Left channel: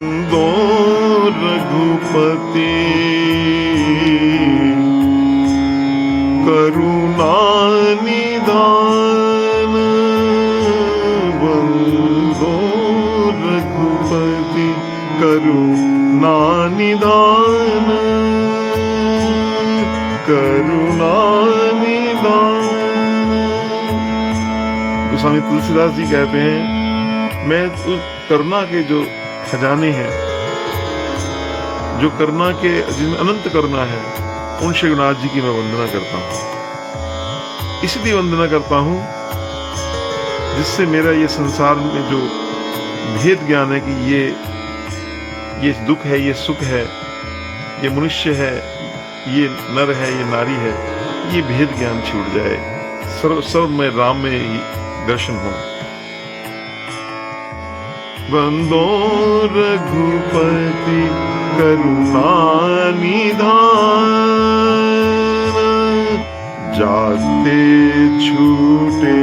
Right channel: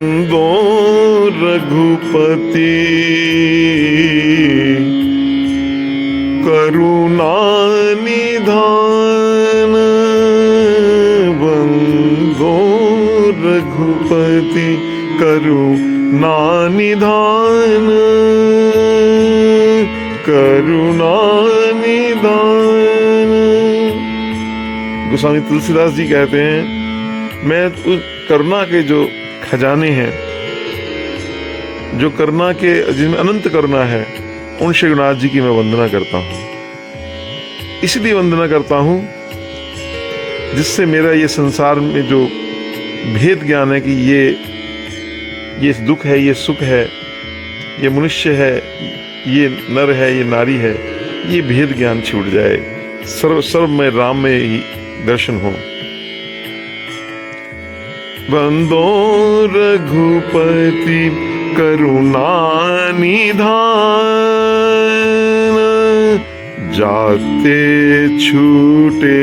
दो रघुपति करुणा निधान, बंदो रघुपति करुणा निधान, करुणा निधान। गोस्वामी तुलसीदास जी कहते हैं, मैं तो करुणा के जो खजाने हैं, जो करुणा के जिनमें अनंत करुणा है, उन श्रीनाथ जी की मैं वंदना करता हूँ। इसलिए वंदना करता हूँ जिससे मेरा ये संसार में जो भेद ज्ञान है कि ये दुख है, ये सुख है, ये मनुष्य है, ये नर है, ये नारी है, ये भेद ज्ञान छूट जाए, सर्व में राम में ही दर्शन हो। बंदो रघुपति करुणा निधान, जाते छूटे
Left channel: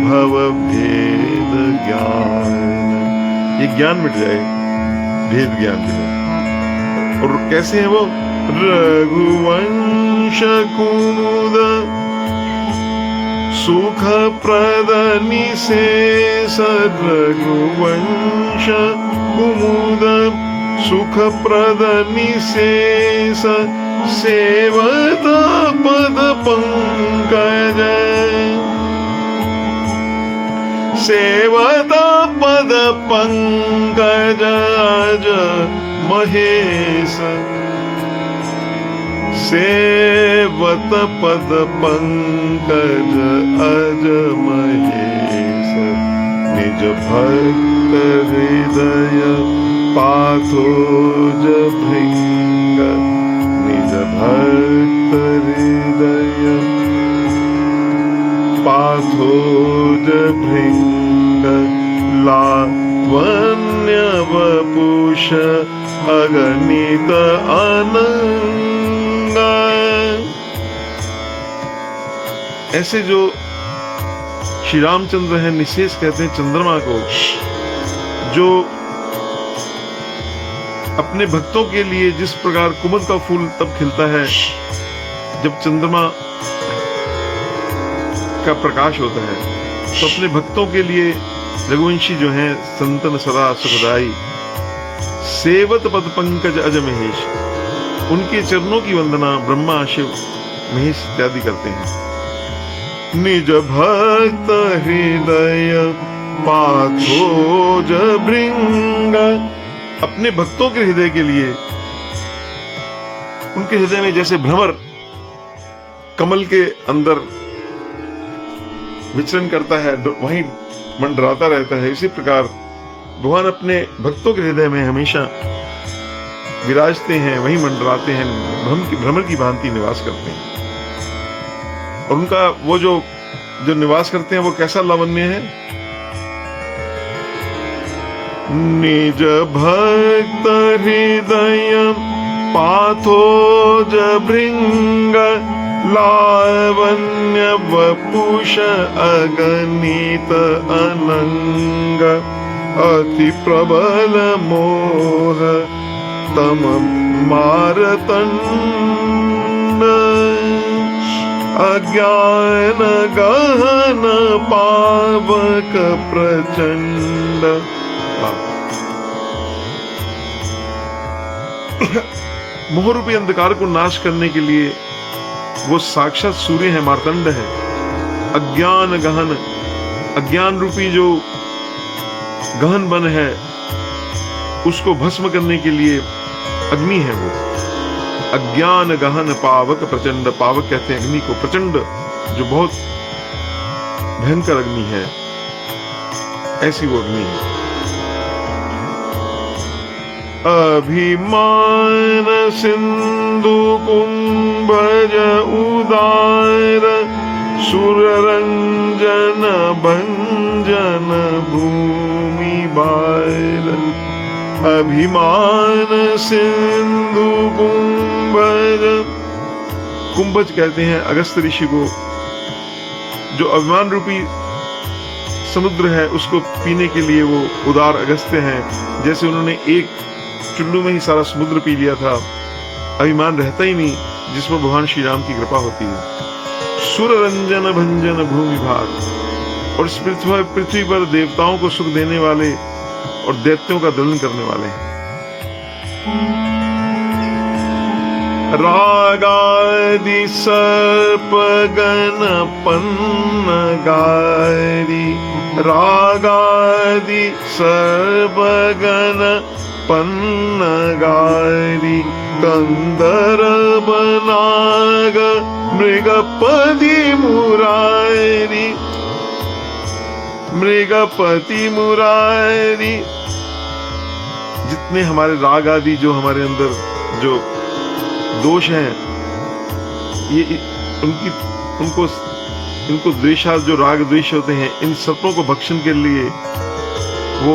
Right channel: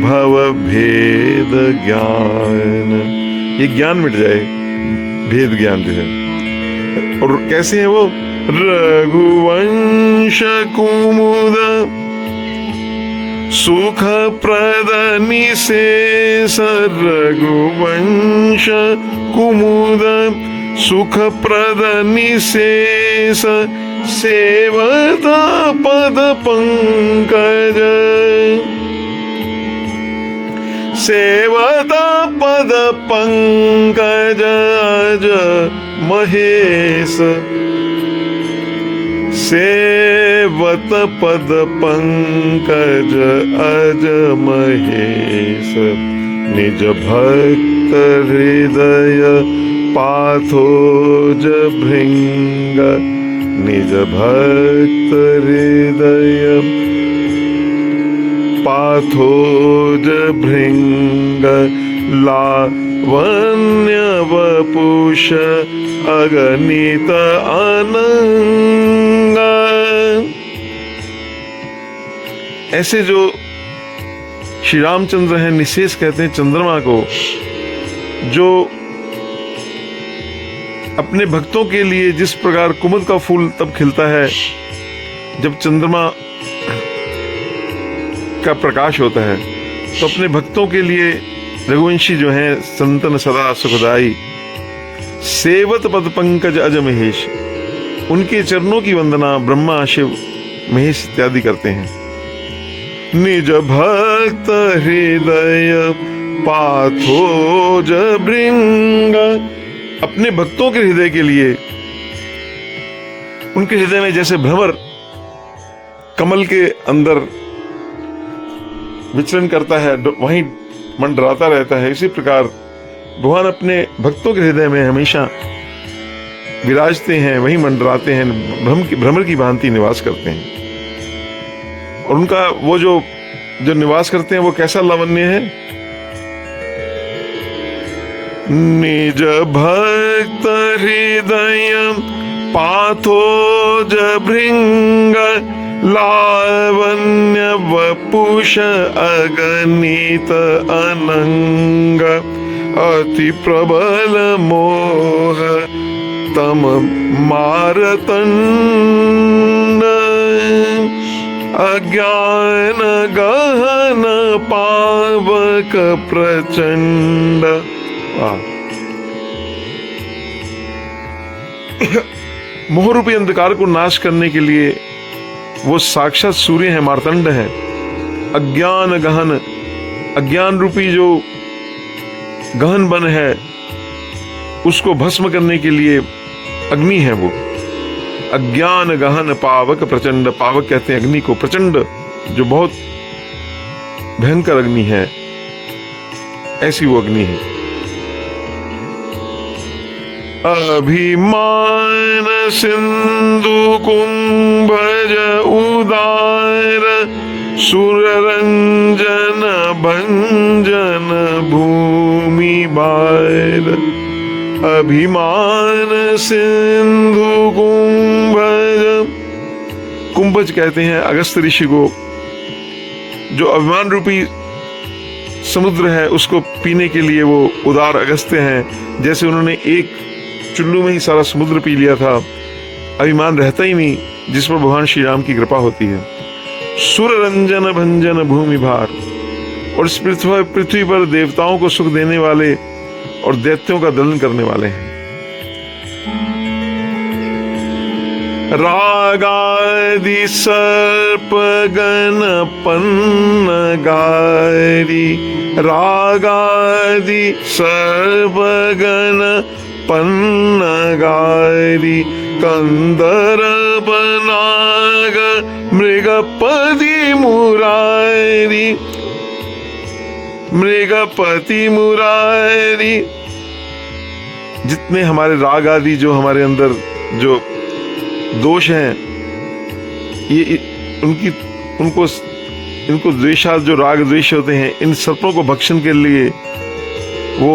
भव भेद ज्ञान। ये ज्ञान मिट जाए, भेद ज्ञान जो है। और कैसे है वो? रघुवंश कुमुद सुख प्रद निशेष, रघुवंश कुमुद सुख प्रद निशेष, सेवता पद पंकज, सेवता पद पंकज अज महेश, सेवत पद पंकज अज महेश, निज भक्त हृदय पाथोज भृंग, निज भक्त हृदय पाथोज भृंग, लावण्य वपुष अगणित अनंग। ऐसे जो श्री रामचंद्र हैं, निशेष कहते हैं चंद्रमा को, जो अपने भक्तों के लिए जिस प्रकार कुमुद का फूल तब खिलता है जब चंद्रमा का प्रकाश होता है, तो अपने भक्तों के लिए रघुवंशी जो हैं संतन सदा सुखदाई, सेवत पद पंकज अज महेश, उनके चरणों की वंदना ब्रह्मा शिव महेश इत्यादि करते हैं। निज भक्त हृदय पाथोज भृंग, अपने भक्तों के हृदय के लिए, उनके हृदय में जैसे भ्रमर कमल के अंदर विचरण करता है, वहीं मंडराता रहता है, इसी प्रकार भगवान अपने भक्तों के हृदय में हमेशा विराजते हैं, वहीं मंडराते हैं, भ्रमर की भांति निवास करते हैं। और उनका वो जो निवास करते हैं वो कैसा लावण्य है? निज भक्त हृदय पाथोज भृंग, लावण्य वपुष अगणित अनंग, अति प्रबल मोह तम मारतंड, अज्ञान गहन पावक प्रचंड। मोह रूपी अंधकार को नाश करने के लिए वो साक्षात सूर्य है, मार्तंड है। अज्ञान गहन, अज्ञान रूपी जो गहन बन है उसको भस्म करने के लिए अग्नि है वो। अज्ञान गहन पावक प्रचंड, पावक कहते हैं अग्नि को, प्रचंड जो बहुत भयंकर अग्नि है, ऐसी वो अग्नि है। अभिमान सिंधु कुंभज उदार, सुररंजन भंजन भूमि बार, अभिमान सिंधु कुंभज, कुंभज कहते हैं अगस्त ऋषि को, जो अभिमान रूपी समुद्र है उसको पीने के लिए वो उदार अगस्त्य हैं। जैसे उन्होंने एक चुल्लू में ही सारा समुद्र पी लिया था, अभिमान रहता ही नहीं, जिस पर भगवान श्री राम की कृपा होती है। सुर रंजन भंजन भूमि भार, और इस पृथ्वी पर देवताओं को सुख देने वाले और दैत्यों का दलन करने वाले हैं। रागादि सर्प गण पन्नगारी, रागादि सर्प गण पन्नगारी, कंदर्प नाग मृगपति मुरारी, मृगपति मुरारी। जितने हमारे राग आदि जो हमारे अंदर जो दोष हैं, ये इनको द्वेषाद जो राग द्वेष होते हैं, इन सर्पों को भक्षण के लिए वो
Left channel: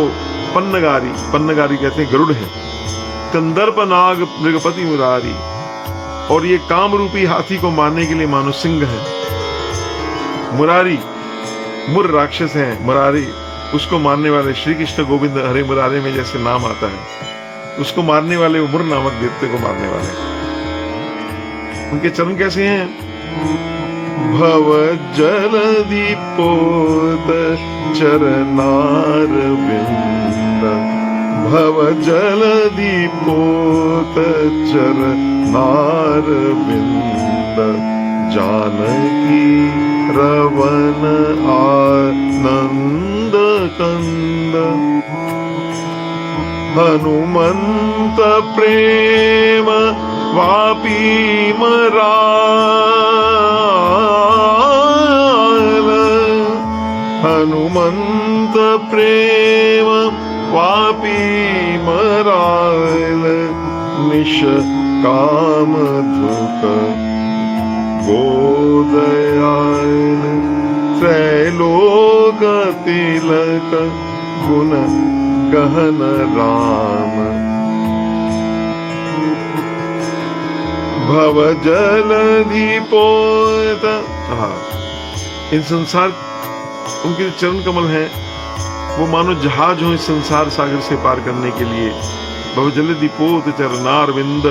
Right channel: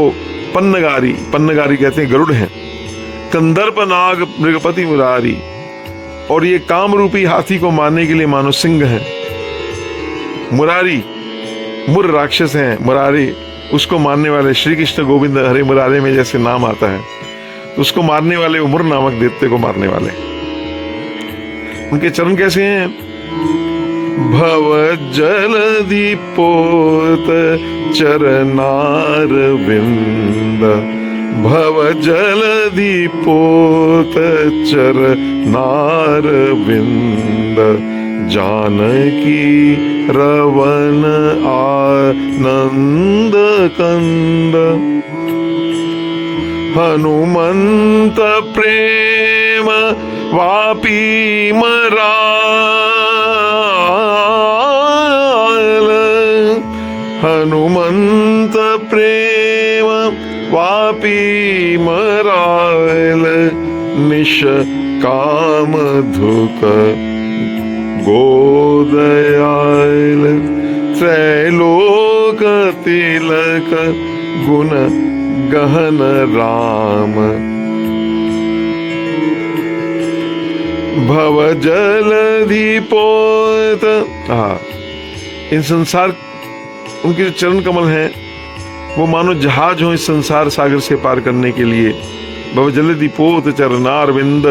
पन्नगारी कहते हैं, गरुड़ है। कंदर्प नाग मृगपति मुरारी, और ये काम रूपी हाथी को मारने के लिए मानो सिंह है। मुरारी, मुर राक्षस है, मुरारी उसको मारने वाले, श्री कृष्ण गोविंद हरे मुरारे में जैसे नाम आता है, तो उसको मारने वाले वो मुर नामक देवते को मारने वाले। उनके चरण कैसे हैं? भव जलधि पोत चरनार विंद, भव जलधि पोत चरनार विंद, जानकी रवन आनंद कंद, हनुमंत प्रेम वापी मराल, हनुमंत प्रेम वापी मराल, निश काम धुक गोदयाल, त्रैलोक तिलक गुण गहन राम, भव जलधि पोत। इन संसार, उनके जो चरण कमल हैं वो मानो जहाज हो इस संसार सागर से पार करने के लिए। भव जलधि पोत चरनार विंद,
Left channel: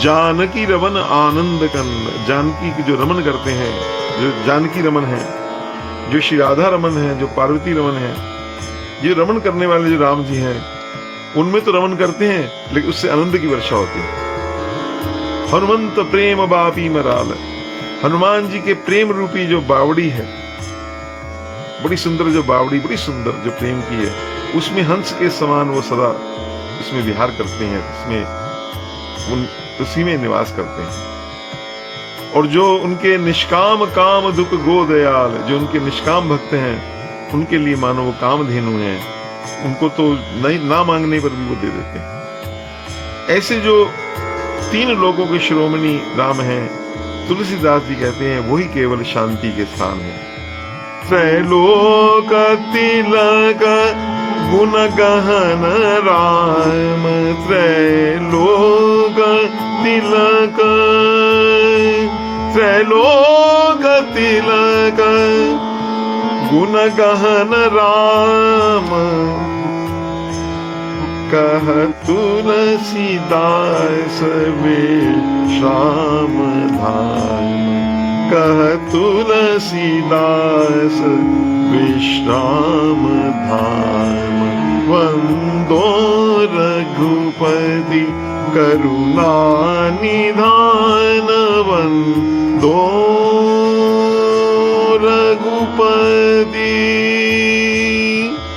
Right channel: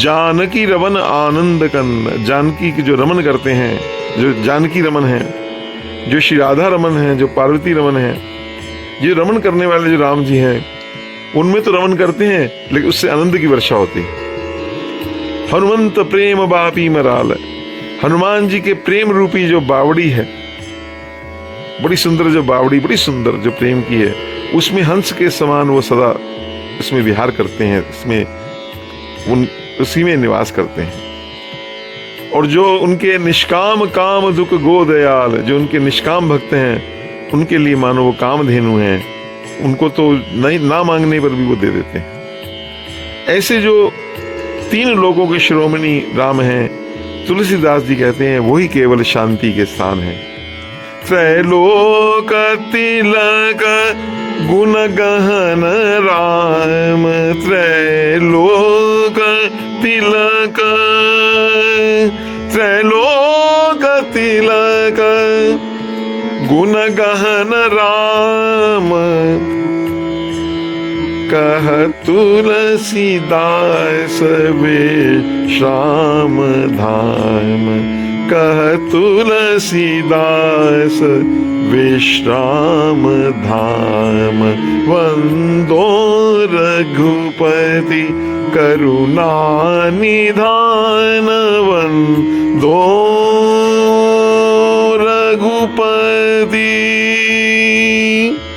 जानकी रमन आनंद कंद, जानकी की जो रमन करते हैं, जो जानकी रमन है, जो श्री राधा रमन है, जो पार्वती रमन है, ये रमन करने वाले जो राम जी हैं, उनमें तो रमन करते हैं लेकिन उससे आनंद की वर्षा होती है। हनुमंत प्रेम बापी मराल, हनुमान जी के प्रेम रूपी जो बावड़ी है, बड़ी सुंदर जो बावड़ी, बड़ी सुंदर जो प्रेम की है, उसमें हंस के समान वो सदा इसमें विहार करते हैं, इसमें उसी में निवास करते हैं। और जो उनके निष्काम काम दुख गोदयाल, जो उनके निष्काम भक्त हैं, उनके लिए मानो वो कामधेनु हैं, उनको तो नहीं ना मांगने पर भी वो दे देते हैं। ऐसे जो तीन लोगों के शिरोमणि राम हैं, तुलसीदास जी कहते हैं वही केवल शांति के स्थान है। त्रैलोक तिलक गुण गहन राम, त्रैलोक तिलक, त्रैलोक तिलक गुण गहन राम, कह तुलसीदास विश्राम धाम, कह तुलसीदास विश्राम धाम, वंदो रघुपति करुणा निधान, वंदो